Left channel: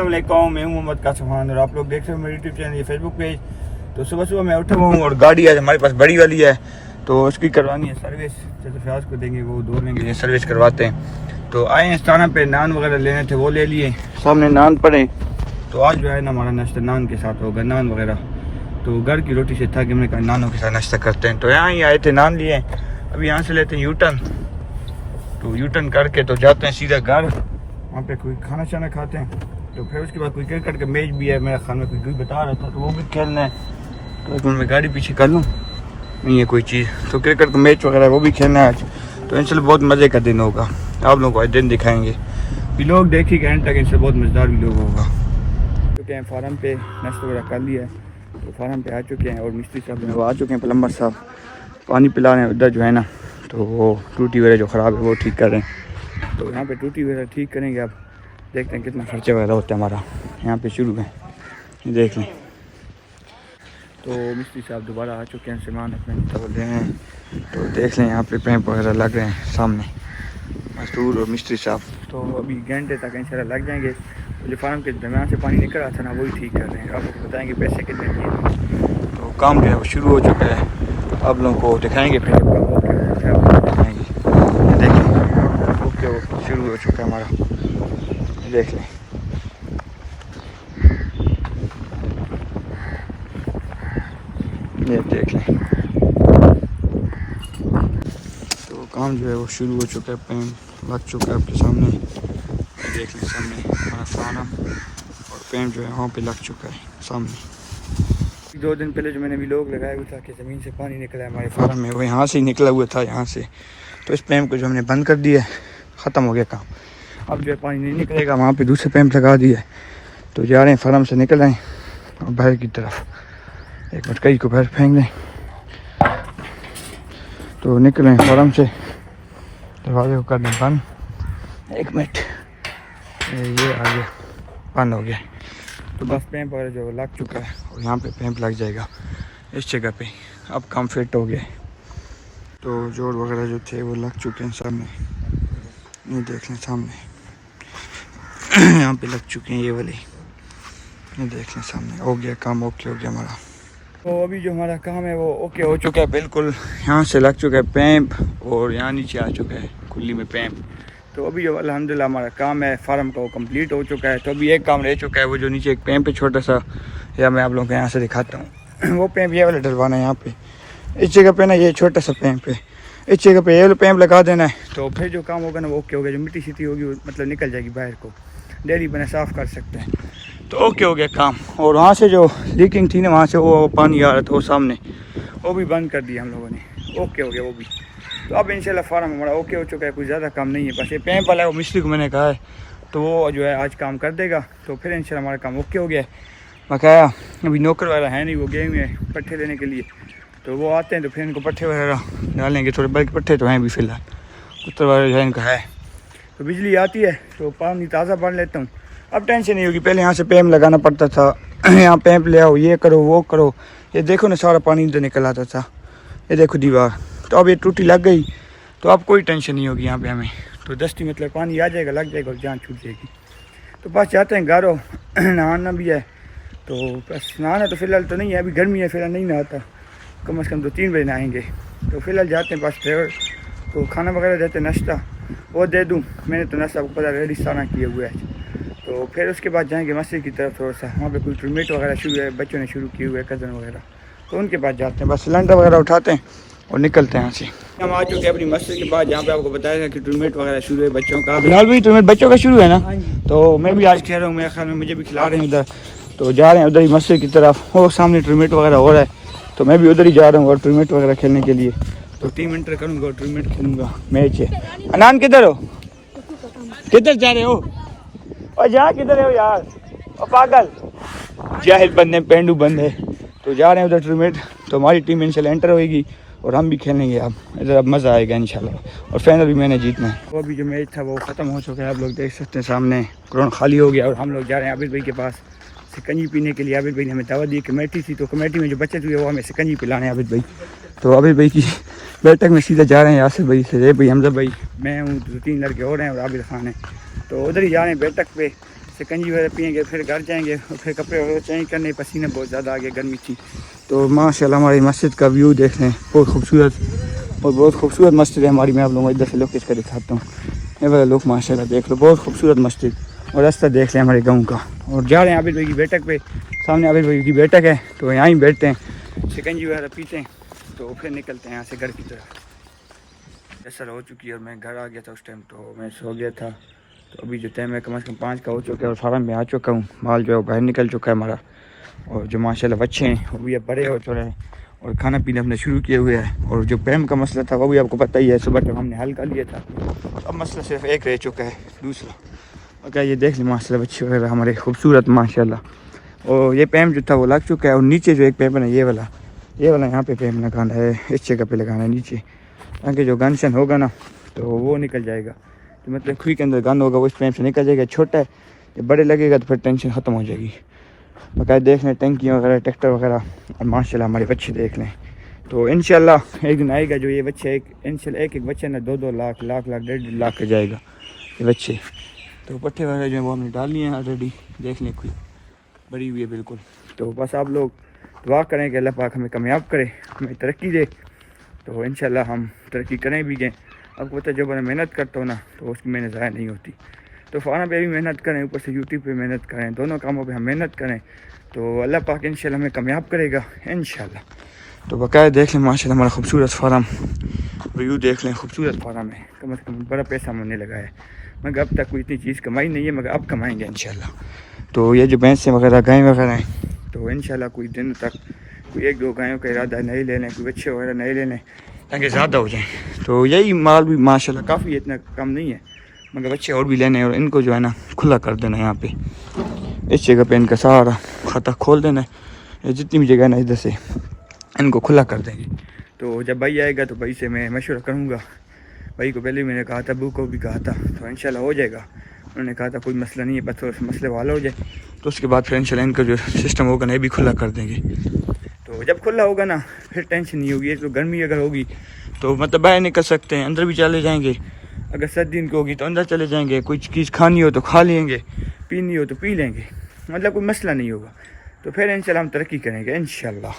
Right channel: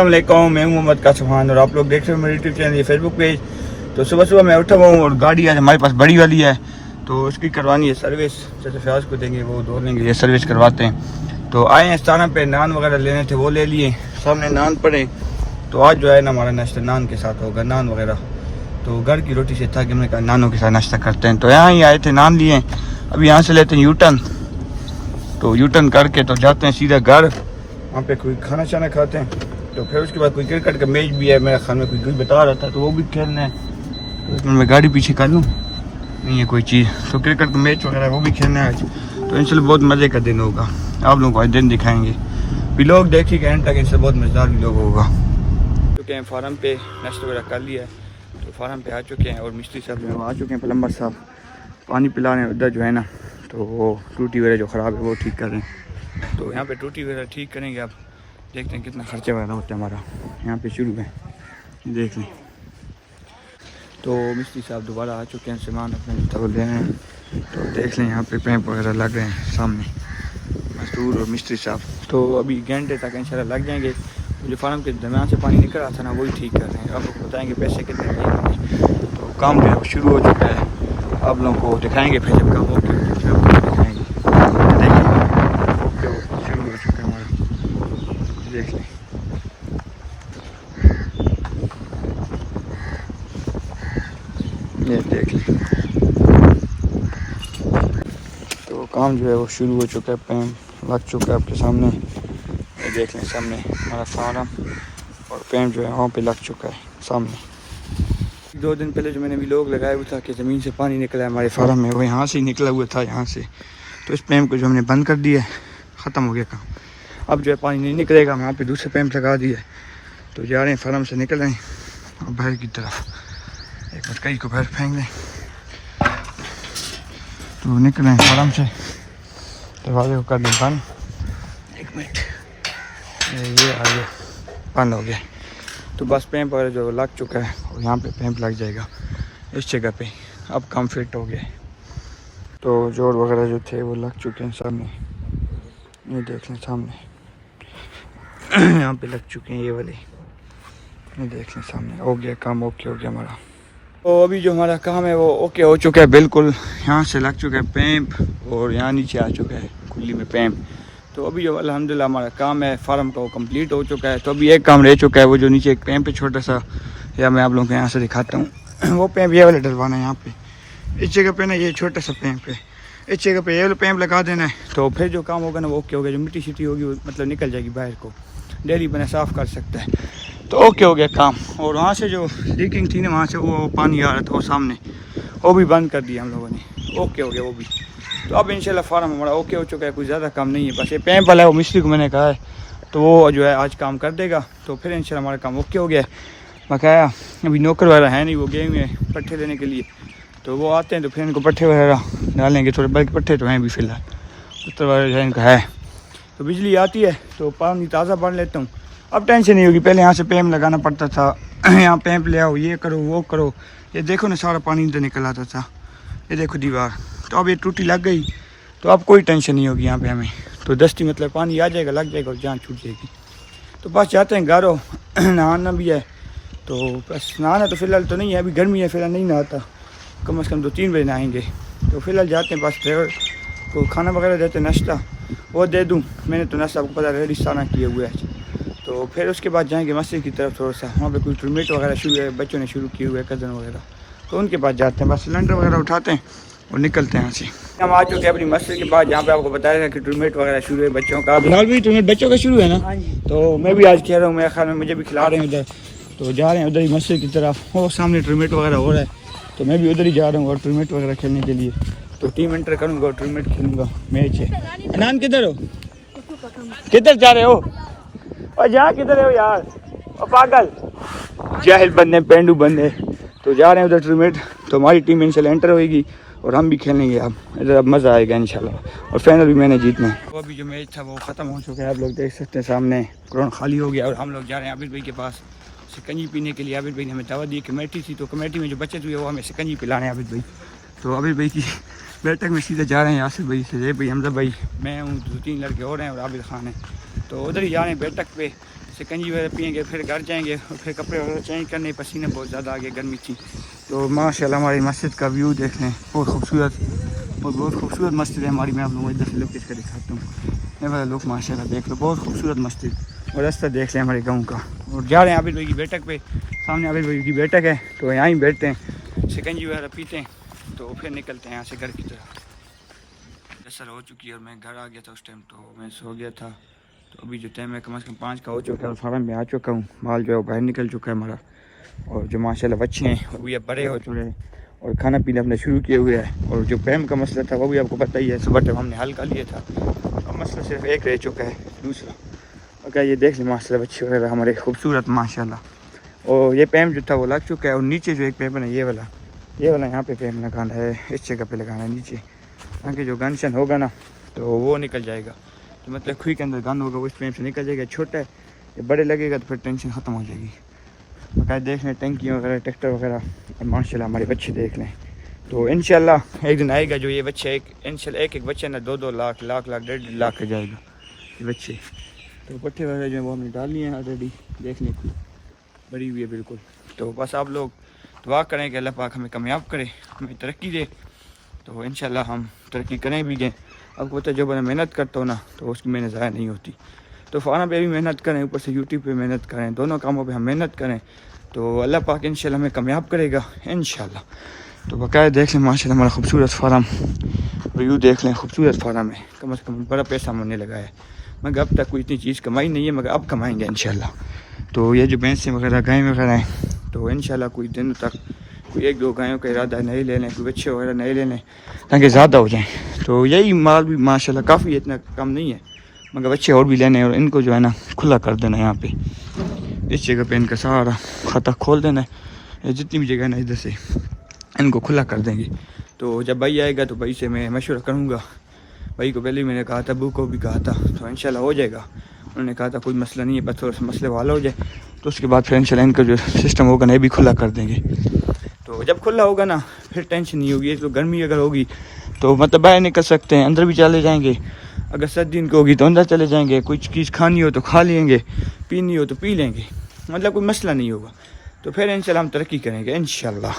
अस्सलामुअलैकुम, मैं मोहम्मद कासिम खान और आप लोग देख रहे हो मेरे यूट्यूब चैनल फेसबुक पेज। तो सुबह सुबह मैं उठा हुआ हूँ और गाड़ी आज हमारे पास बड़ी वाली है, तो उसकी करवानी है सर्विस। जैसे फ्याज को देंगे वो दो लेंगे, ये सर्विस करवाते हैं। तो आए हैं स्थाना पे, नान वगैरह लेने थे वो ले लिए, सामने नान पड़े। तो आज जो है ना हमारा नाश्ता नान के साथ होगा, नान वगैरह। तो घर की रोटी से था कि हमने कहा नानों के साथ नाश्ता करते हैं। तो यहाँ ही आए थे, नान लिए। अब यहाँ से लेते हैं यूटर्न, तो यूटर्न करके तो जाते हैं सीधा घर। वहाँ पे कोई खाना शाना खाते हैं, तो फिर उसके बाद कोई क्रिकेट का मैच भी है मेरा ख्याल में, कोई बता रहा था, तो वो भी खेलना है। तो मैं गाड़ी पीछे कर लूँ, नहीं है कोई चीज़, तो क्रिकेट का मैच वगैरह वो भी खेलना है आज। तो इंशाल्लाह बहुत मज़े का दिन होगा, आप लोगों को आज दिन दिखाएंगे। भी लोग देखिएगा एंड तक, इंशाल्लाह बहुत मज़ेदार भी लोग होगा। चुके हैं फार्म पे, नाश्ता वगैरह कर लिया है, तो फार्म पे आ चुके हैं। और मिस्त्री साहब वो आ चुके हैं, प्लम्बर साहब पानी पिला रहे हैं उधर जो है ना, तो वो टूटी वगैरह जो ख़राब है वो ठीक कर रहे हैं। तो यहाँ पे टूटी वगैरह ठीक करेंगे। अब देखते हैं कितना खर्चा वगैरह होता है हमारा। यहाँ पे शुरू है, देख लें। तो मिस्त्री साहब दोबारा आ चुके हैं, सामान अपने तो ले हैं। तो देख लें यहाँ पे पैंप वगैरह लग रहे हैं सामने, मजदूर और मिस्त्री साहब। तो अभी घंटे तक इंशाल्लाह लग जाएंगे। जो फार्म के दरमियान से पानी निकल रहा था ना, वही ठीक कर रहे हैं। आपको बताएंगे पैसे कितने हैं। तो काम जो है वो शुरू हो चुका है, आप लोगों को दिखाएंगे फिर जब काम हो दिखाएंगे। देखिए ओके, शुरू हो चुका है हमारा, देख लें। ये देख लें, तो काम जो है वो शुरू हो चुका है, पैंप लग चुका है आपके सामने। ये देख लें सामने हमारा फार्म, और पैंप जो है वहाँ पे लग चुका है सामने। 2 दिन पहले जो मैंने भी लोग लगाया हुआ था कि ज़मीन से पानी निकला है हमारे फार्म में, वो यहाँ से ही निकला हुआ था, यहाँ से। तो इस पैंप को जो हमने बंद कर दिया है, ख़त्म हो गया काम। अब जो है पानी नहीं निकलेगा, वहाँ पे दूसरे पैंप लगा दिया है। तो जा रहे हैं फार्म से निकल आए और बाहर की तरफ, एक मिनट कई को बाहर फेंक दें। तो निकले फार्म से, दरवाजे को कर दें बंद। एक मिनट, ये आ गया, बंद हो गया। तो बस पैंप वगैरह जो लग चुका है, और यहाँ पे पैंप लग जाएगा इस जगह पे। अब काम फिट हो गया। तो जोड़ वगैरह जो थे वो लग चुके हैं सामने, ये देख लें सामने यहाँ पे लग चुके हैं ये वाले, ये देख लें सामने। हो गया काम, ओके हो गया हमारा। तो अभी जो हमारा काम है वो ओके हो चुका है बिल्कुल। यहाँ से लग चुका है पैंप, और यहाँ नीचे आ चुका है खुली में पैंप। तो अभी जो अल्हम्दुलिल्लाह हमारा काम है फार्म का वो कंप्लीट हो चुका है। तो अभी एक काम रह चुका है, वो जो नीचे एक पैंप है छोटा सा, या मैं आप लोगों को यहाँ से दिखाता हूँ। वो पैंप ये वाला डलवाना है यहाँ पे, इस जगह पे ना, ये छोटा सा पैंप है, इस जगह पे ये वाला पैंप लगा देना है। तो फिर जो काम होगा ना वो ओके हो गया। जो मिट्टी शिट्टी होगी वो मतलब निकल जाएगी बाहर को, डेली बना साफ़ कर सकते हैं। तो ओके हो गया काम। और वहाँ से जो लीकिंग थी ना, वहाँ से वो पानी आ रहा था वो सामने, वो भी बंद कर दिया हम लोगों ने, ओके हो गया वो भी। तो अब इंशाल्लाह फार्म हमारा ओके हो चुका है, कोई ज़्यादा काम नहीं है। बस ये पैंप वाला है, वो मिस्त्री को मैंने कहा है, तो वो जो है आज काम कर देगा। तो फिर इंशाल्लाह हमारा काम ओके हो गया। बकाया अभी नौकर वगैरह है नहीं, वो गए हुए हैं पट्ठे लेने के लिए। तो वो आते हैं तो फिर इनको पट्ठे वगैरह डालेंगे थोड़े, बल्कि पट्ठे तो हैं भी फ़िलहाल, उत्तर वगैरह जो इनका है। तो बिजली आती है तो पानी ताज़ा भर लेता हूँ, अब टेंशन नहीं होगी। पहले यहाँ से पैंप लगाना पड़ता था, यहाँ पैंप ले आओ, ये करो वो करो। ये देखो ना सारा पानी इधर निकल आता था, ये देखो दीवार। तो अब ये टूटी लग गई, तो अब कोई टेंशन नहीं होगी यहाँ पे हमें। तो दस्ती मतलब पानी आ जाएगा, लग जाएगा और जान छूट जाएगी। तो बस जाते हैं घर, नहाना भी है। तो बस नहाना तो फ़िलहाल तो नहीं है, अभी गर्मी है, फ़िलहाल नहीं नहाता, कम से कम 2-3 बजे नहाएंगे। तो फ़िलहाल जाते हैं, बस ड्राइवर को खाना वगैरह देते, नाश्ता वो दे दूँ। मैंने तो नाश्ता आपको पता रेडी सारा किया हुआ है। तो फिर उसके बाद जाएंगे मस्जिद की तरफ, थोड़ा सा वहाँ पे कोई टूर्नामेंट वगैरह शुरू है, बच्चों ने शुरू किए हुए, कज़न वगैरह, तो उनके पास जाते हैं। बस सिलेंडर वगैरह उठाते हैं और निकलते हैं यहाँ से। हम आ चुके हैं अपनी मस्जिद के बाद, जहाँ पे आपको बताया कि टूर्नामेंट वगैरह शुरू है बच्चों का। बिलाल भाई टूर्नामेंट बच्चों का शुरू है ना? तो मैं भी आज खेल रहा हूँ, मेरे ख्याल में मुझे भी खिला रहे हैं उधर। तो जा रहे हैं उधर ही मस्जिद की तरफ, वो सामने टूर्नामेंट वगैरह हो रहा है, तो मैं भी उधर ही जा रहा हूँ और टूर्नामेंट वगैरह खेलने के लिए। तो टीम एंटर करूँगा और टूर्नामेंट खेलूँगा मैच। अनान किधर हो, किधर जा रहे हो, यहाँ किधर हो यार, पागल जाहिल बंदे, पेंडू बंदे। तो जा रहे हैं उधर टूर्नामेंट। तो हमारी टीम इंशाल्लाह एंटर होएगी और हम भी खेलेंगे। अब इधर अब मज़ा आएगा इंशाल्लाह, और फाइनल भी मैंने जीतना है। वो अभी जो मैच था वो ख़त्म हो चुका है, आप लोग देख सकते हैं सामने ग्राउंड खाली हो गया। और हम लोग जा रहे हैं आबिद भाई के पास सिकंजी पीने के लिए। आबिद भाई ने हमें दावत दी, कमेटी थी, तो कमेटी में जो बच्चे हुए वो हमें सिकंजी पिलाने आबिद भाई। तो आबिद भाई की बैठक में सीधा जा रहे हैं यासिर भाई से, रे भाई, हमजा भाई, मैं हूँ, 2-3 लड़के और हैं और आबिद खान है। तो उधर ही जा रहे हैं बैठक पे, शिकंजी वगैरह पियेंगे, फिर घर जाएंगे और फिर कपड़े वगैरह चेंज करने। पसीने बहुत ज़्यादा आ गया, गर्मी थी। तो माशाल्लाह हमारी मस्जिद का व्यू देख लें, बहुत खूबसूरत और बहुत खूबसूरत मस्जिद है हमारी। मैं आप लोगों को इधर से लोग किसका दिखाता हूँ, ये वाला लोग माशाल्लाह देख लो, बहुत खूबसूरत मस्जिद। और रास्ता देख लें हमारे गाँव का। और जा रहे हैं आबिद भाई की बैठक पे, सामने आबिद भाई की बैठक है, तो यहाँ ही बैठते हैं, शिकंजी वगैरह पीते हैं, तो फिर निकलते हैं यहाँ से घर की तरफ। असर हो चुकी है और मैं घर आ गया था उस टाइम, तो मैं सो गया था। तो अभी जो टाइम है कम से कम 5 का हो चुका है और फार्म में आ चुका हूँ। माल जो है बाहर निकल चुका है हमारा, और जो माशाल्लाह बच्चे हैं वो भी अब बड़े हो चुके हैं और खाना पीना अपने शुरू किए हुए हैं। और जो पैम का मसला था वो भी आपको पता ही है, सुबह टाइम हमने हल कर लिया था। अब मसला सिर्फ एक रह चुका है, दूसरा मगर ये देख लें माशाल्लाह बच्चे वगैरह हमारे खूबसूरत माशाल्लाह। और ये पैम जो था वो लग चुका है। और नीचे जो एक पैम है ये वाला यहाँ पे पैम लगाना है, इस जगह पे लगाना है नीचे, ताकि जो गनशन होगा ना तो वो निकल जाएगा। तो मतलब खुई के अंदर गन होगा वो इस पैम से निकल जाएगा। छोटा है, ये बड़े लगेगा तो फिर टेंशन ख़त्म हो जाएगी। बाकायदा देख लें टंकी वगैरह, ट्रैक्टर वगैरह, और माशाल्लाह हमारे बच्चे देख लें। तो इंशाल्लाह एक दिन आएगा जो ये बच्चे एक बच्चे ना 2-2 लाख 1.5 लाख के जाएगा ये बच्चे। तो पट्टे वगैरह जो है वो हमने डाल लिए हैं ऑलरेडी, देख लें बड़ी हुई है बिल्कुल। तो बस आप लोग दुआ करें कि अल्लाह पाक हमें कामयाब करे, हमें तरक्की दे। तो इंशाल्लाह हम तरक्की करें भी गए। आपको पता है जब मैं मेहनत करता हूँ ना तो उसकी मेहनत ज़ाया नहीं होती। तो फार्म पे भी मेहनत करें, ऊपर से यूट्यूब पे मेहनत करें, दोनों कामों पे हम मेहनत करें तो अल्लाह पाक इंशाल्लाह हमें कामयाब करेगा इंशाल्लाह। तो बकायदा देख लें माशाल्लाह हमारा खूबसूरत फार्म, व्यू देख लें, खूबसूरत फार्म है। कम से कम बड़ा पैसा होने लगा है, मगर अब तक कोई इतनी चीज़ कमाई नहीं है, मगर अब कमाएँगे इंशाल्लाह। तो ये जो भैंसें वगैरह गाय वगैरह हैं तो इंशाल्लाह कुछ दिन तक कोई 1-2 गायों का इरादा नहीं ले लें, कोई बच्चे वगैरह नहीं ले लें ताकि ज़्यादा हो जाएँ। तो यही माल भी माशाल्लाह काफ़ी इतना कम नहीं है, मगर बच्चे और भी लेने और इनको जो है ना खुला कर देना है। यहाँ पे इस जगह पे इनका सारा खाता खोल देना है, जितनी भी जगह है ना इधर से इनको खुला कर देंगे। तो जब भाई आएगा तो भाई से मैं मशवरा करूँगा। भाई को पहले ही मैंने कहा था, अबू को भी कहा था, तो इंशाल्लाह हो जाएगा। उन्होंने कहा था कोई मसला नहीं है, बस थोड़ा सा मसले वाला हो जाए तो उसके बाद फिर इंशाल्लाह इनका जो सिस्टम होगा ना ये भी खुला कर देंगे। तो जब खुला होगा ना फिर टेंशन नहीं होगी। तो गर्मी अगर होगी तो मतलब बाहर निकल सकते हैं, अंदर भी चले जाएंगे। अगर सर्दी इनको होगी तो अंदर चले जाएंगे, कुछ चीज़ खानी हो तो खा लेंगे, पीनी हो तो पी लेंगे, मतलब कोई मसला नहीं होगा। तो फिर इंशाल्लाह हम तरक्की करेंगे इंशाल्लाह।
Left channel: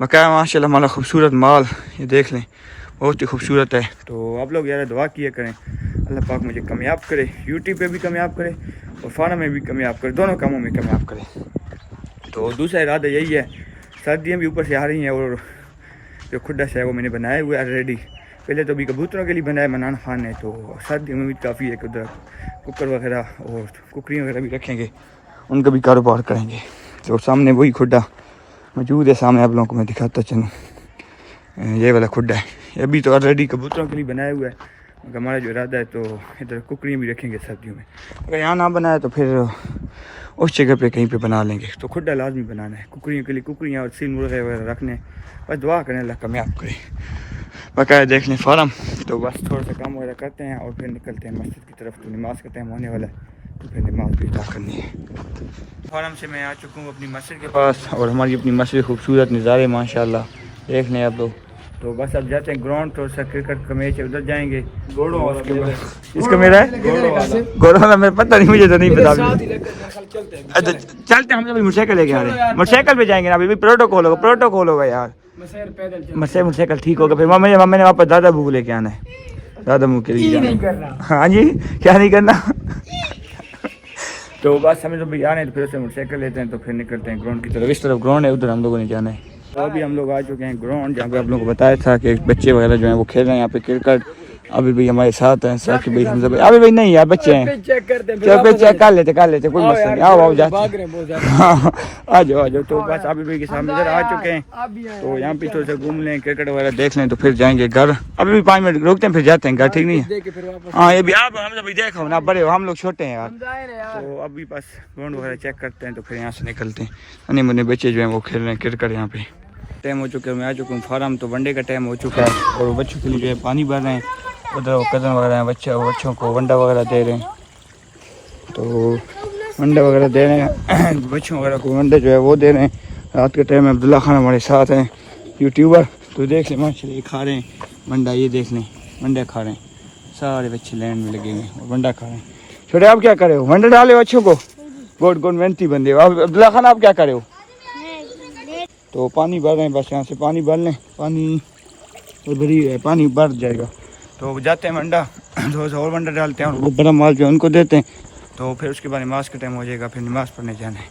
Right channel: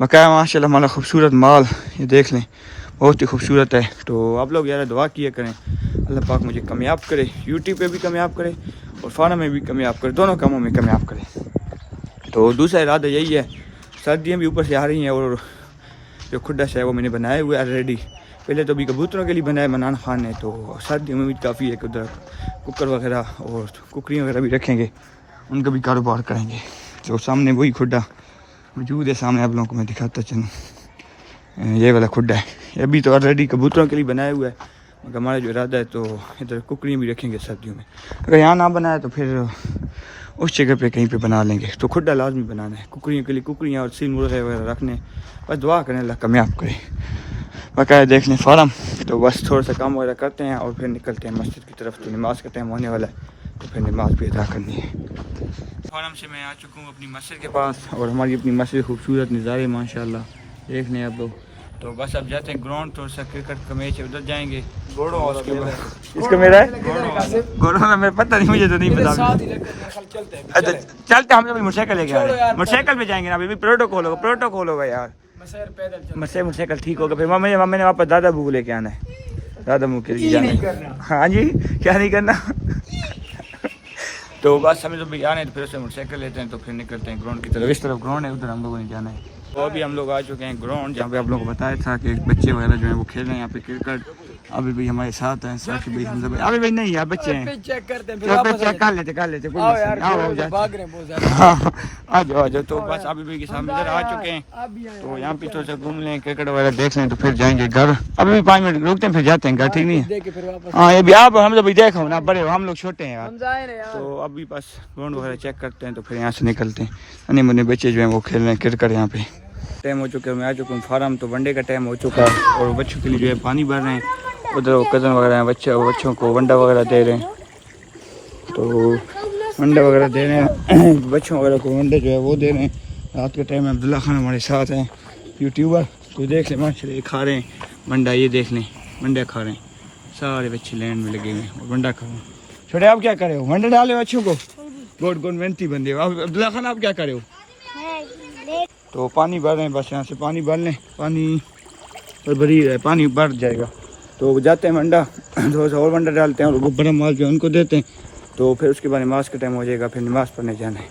बकाया माशाल्लाह हमारा खूबसूरत माल ये देख लें, बहुत ही खूबसूरत है। तो आप लोग यार दुआ किया करें अल्लाह पाक मुझे कामयाब करे, यूट्यूब पे भी कामयाब करे और फार्म में भी कामयाब करे, दोनों कामों में कामयाब करे। तो दूसरा इरादा यही है, सर्दियाँ भी ऊपर से आ रही हैं और जो खुड्डा है वो मैंने बनाया हुआ है ऑलरेडी। पहले तो अभी कबूतरों के लिए बनाया मनान खान है, तो सर्दियों में भी काफ़ी है, उधर कुकर वगैरह और कुकरियाँ वगैरह भी रखेंगे, उनका भी कारोबार करेंगे। तो सामने वही खुड्डा मौजूद है, सामने आप लोगों को मैं दिखाता चलूँ, ये वाला खुड्डा है। ये अभी तो ऑलरेडी कबूतरों के लिए बनाया हुआ है, मगर हमारा जो इरादा है तो इधर कुकरियाँ भी रखेंगे सर्दियों में। अगर यहाँ ना बनाया तो फिर उस जगह पे कहीं पे बना लेंगे। तो खुड्डा लाजमी बनाना है कुकरियों के लिए, कुकरियाँ और सील मुर्गे वगैरह रखने। बस दुआ करें अल्लाह कामयाब करे। बाकायदा देख लें फार्म। तो बस थोड़ा सा काम वगैरह करते हैं और फिर निकलते हैं मस्जिद की तरफ। तो नमाज़ का टाइम होने वाला है, तो फिर नमाज भी अदा करनी है। फार्म से मैं आ चुका हूँ अपनी मस्जिद के पास, और हमारी अपनी मस्जिद खूबसूरत नज़ारे माशाल्लाह देख लें आप लोग। तो बस अब जाते हैं ग्राउंड, थोड़ा सा क्रिकेट का मैच है उधर जाएंगे। इसका मेरा है गोरा वाला, मेरा पता नहीं, मुझे तो नहीं पता। अच्छा चलते हम जब मोटरसाइकिल लेके आ रहे हैं, मोटरसाइकिल पे जाएंगे ना, अभी प्रोटोकॉल होगा यार, मोटरसाइकिल ठीक होगा। फिर मम्मी ने वापस दादा बू लेके आना है, दादा मुँह के लिए जाना। हाँ जी, क्या नहीं करना। तो बस हमें जब आने तो फिर उससे मोटरसाइकिल लेते हैं, तो फिर निकलते हैं ग्राउंड की तरफ। इस तरफ ग्राउंड है, उधर हम लोगों ने जाना है। तो अभी हम लोग आ चुके हैं ग्राउंड, जहाँ पे आप लोगों को बताया था कि बच्चे वगैरह जो हैं वो खेल रहे हैं यहाँ पे क्रिकेट। अभी भाई हमारे साथ हैं, साथ भाई हमजा भाई, अभी भाई नहीं यार बच्चे हैं, चेक कर लेते कोई मसला नहीं। आओ जाते, हाँ आ जाओ। तो बस अभी भाई के सामने इधर आ चुके हैं, तो यहाँ पे थोड़ा सा घूम लें, क्रिकेट वगैरह देख लें, तो फिर जाएंगे घर। अभी भी 5 मिनट रुकते हैं, फिर जाते हैं घर, ठीक नहीं है। हाँ ये भी आप हमजा भाई देखो ना, बड़े हो हम लोग छोटे हैं यार। तो अभी बस ग्राउंड वगैरह चेक करते हैं, तो फिर यहाँ से निकलते हैं। अन्य मुन्ने बच्चे जो हैं वो खेल रहे हैं क्रिकेट। यहाँ पे टाइम हो चुका है, मैं आ चुका हूँ फार्म, तो वनडे का टाइम हो चुका है और बच्चों के लिए जो है पानी भर रहे हैं। उधर वो कज़न वगैरह हैं, बच्चों को वंडा वगैरह दे रहे हैं, तो वंडा वगैरह दे रहे हैं बच्चों वगैरह को, वंडे जो है वो दे रहे हैं। रात के टाइम में अब्दुल्ला खान हमारे साथ हैं, यूट्यूबर, तो देख लें माशाल्लाह खा रहे हैं वंडा, ये देख लें वंडा खा रहे हैं, सारे बच्चे लैंड में लगे हुए हैं और वंडा खा रहे हैं। छोटे आप क्या कर रहे हो, वंडा डाले बच्चों को? गोड गोड मेहनती बंदे हो। अब अब्दुल्ला खान आप क्या करे हो? तो पानी भर रहे हैं, बस यहाँ से पानी भर लें, पानी भरी है, पानी भर जाएगा तो जाते हैं मंडा, थोड़ा सा और मंडा डालते हैं और वो बड़ा माल जो है उनको देते हैं, तो फिर उसके बाद नमाज का टाइम हो जाएगा, फिर नमाज़ पढ़ने जाना है।